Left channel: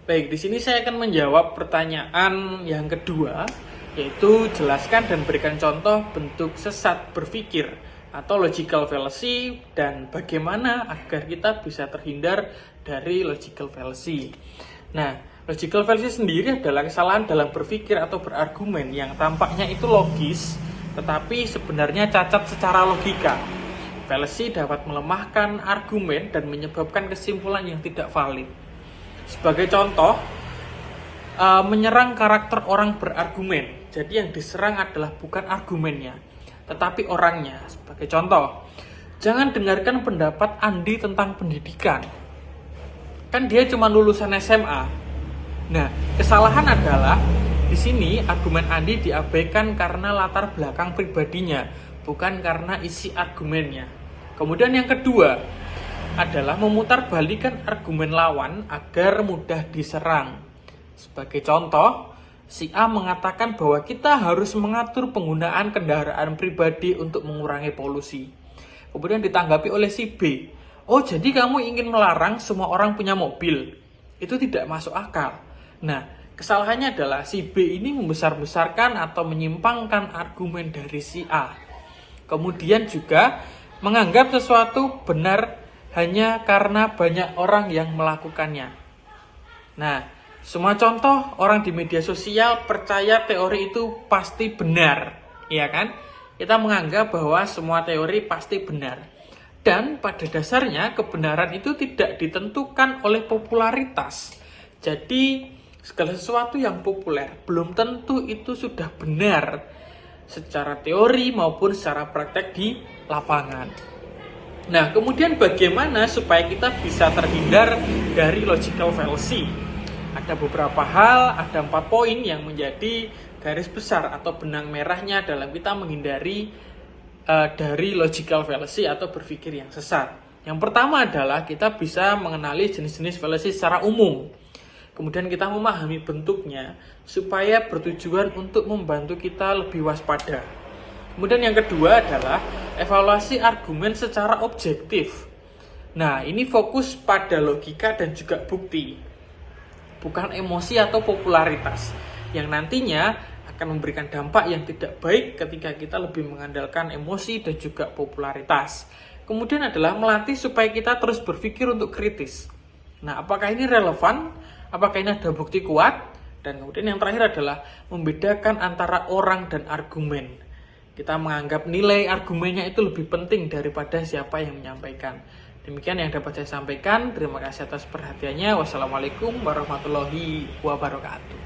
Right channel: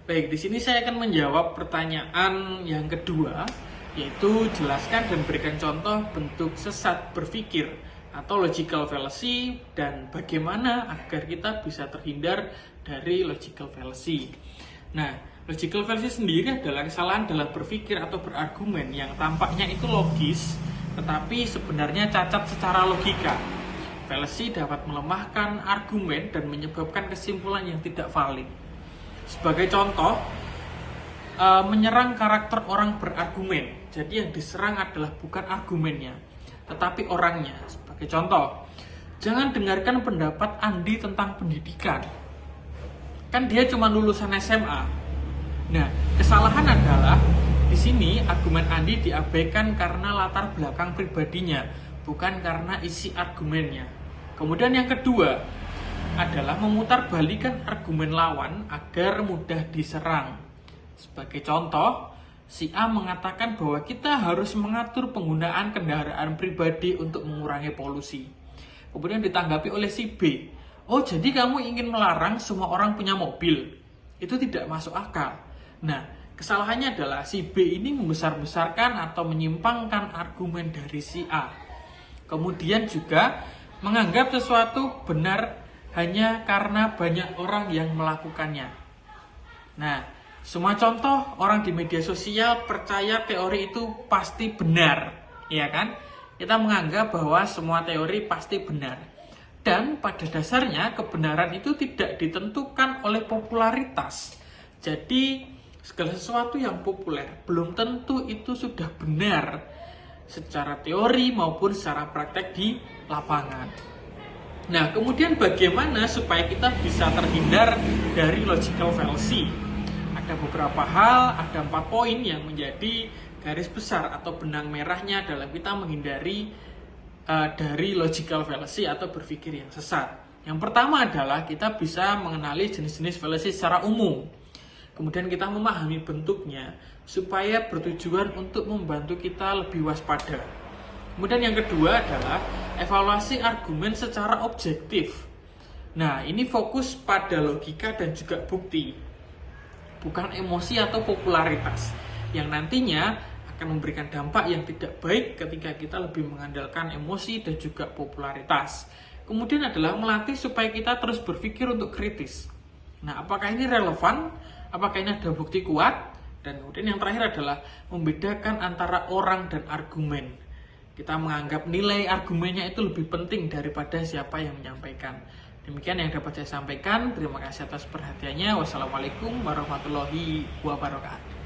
Baik, di sini saya akan menjawab pertanyaan yang kedua, yaitu jelaskan dan berikan contoh bentuk sesat berpikir atau logical fallacy dan bagaimana agar kita bisa terhindar dari logical fallacy. Nah, logical fallacy sendiri adalah kesalahan dalam berpikir atau berargumen yang tampaknya itu logis, tetapi sebenarnya cacat secara logika. Fallacy dapat melemahkan argumen dan menyebabkan kesimpulan yang tidak valid. Sebagai contoh, menyerang karakter orang berargumen. Jadi yang diserang adalah bukan argumennya, tetapi orangnya. Sebagai contoh, jangan dengarkan pendapat Andi tentang pendidikan. Kan dia cuma lulusan SMA. Nah, kesalahan adalah di sini argumen Andi diabaikan karena latar belakang pribadinya, bukan karena isi argumennya. Kemudian yang kedua adalah memutarbalikkan argumen lawan agar mudah diserang. Sebagai contoh, si A mengatakan bahwa kita harus mengatur penggunaan kendaraan pribadi untuk mengurangi polusi. Kemudian ditanggapi oleh si B, oh jadi kamu ingin melarang semua orang punya mobil? Itu tidak masuk akal. Nah, kesalahannya adalah si B ini membesar-besarkan atau menyimpangkan argumen dari si A. Kemudian juga menganggap sesuatu benar hanya karena banyak orang yang melakukannya. Nah, semua contoh orang di media sosial percaya teori itu pasti benar, ya kan? Kita menganggap bahwa semua teori pasti benar. Dan pada dasarnya kebenaran itu tidak ditentukan oleh popularitas. Jadi, segala sesuatu yang populer belum tentu itu sudah benar secara teori maupun secara praktek di lapangan. Nah, kemudian bagaimana supaya kita bisa terhindar dari logical fallacy? Ada beberapa hal, ada 4 poin yang menjadi garis besar atau benang merahnya dalam kita menghindari dari logical fallacy atau berpikir yang sesat. Yang pertama adalah kita bisa mengenali jenis-jenis fallacy secara umum. Kemudian kita memahami bentuknya supaya bertujuan untuk membantu kita lebih waspada. Kemudian yang kedua adalah evaluasi argumen secara objektif. Nah, ini fokus pada logika dan juga bukti, bukan emosi atau popularitas, yang nantinya akan memberikan dampak yang tidak baik ketika kita lebih mengandalkan emosi dan juga popularitas. Kemudian adalah melatih supaya kita terus berpikir untuk kritis. Nah, apakah ini relevan? Apakah ini ada bukti kuat? Dan kemudian yang terakhir adalah membedakan antara orang dan argumen. Kita menganggap nilai argumennya itu lebih penting daripada siapa yang menyampaikan. Demikian yang dapat saya sampaikan. Terima kasih atas perhatiannya. Wassalamualaikum warahmatullahi wabarakatuh.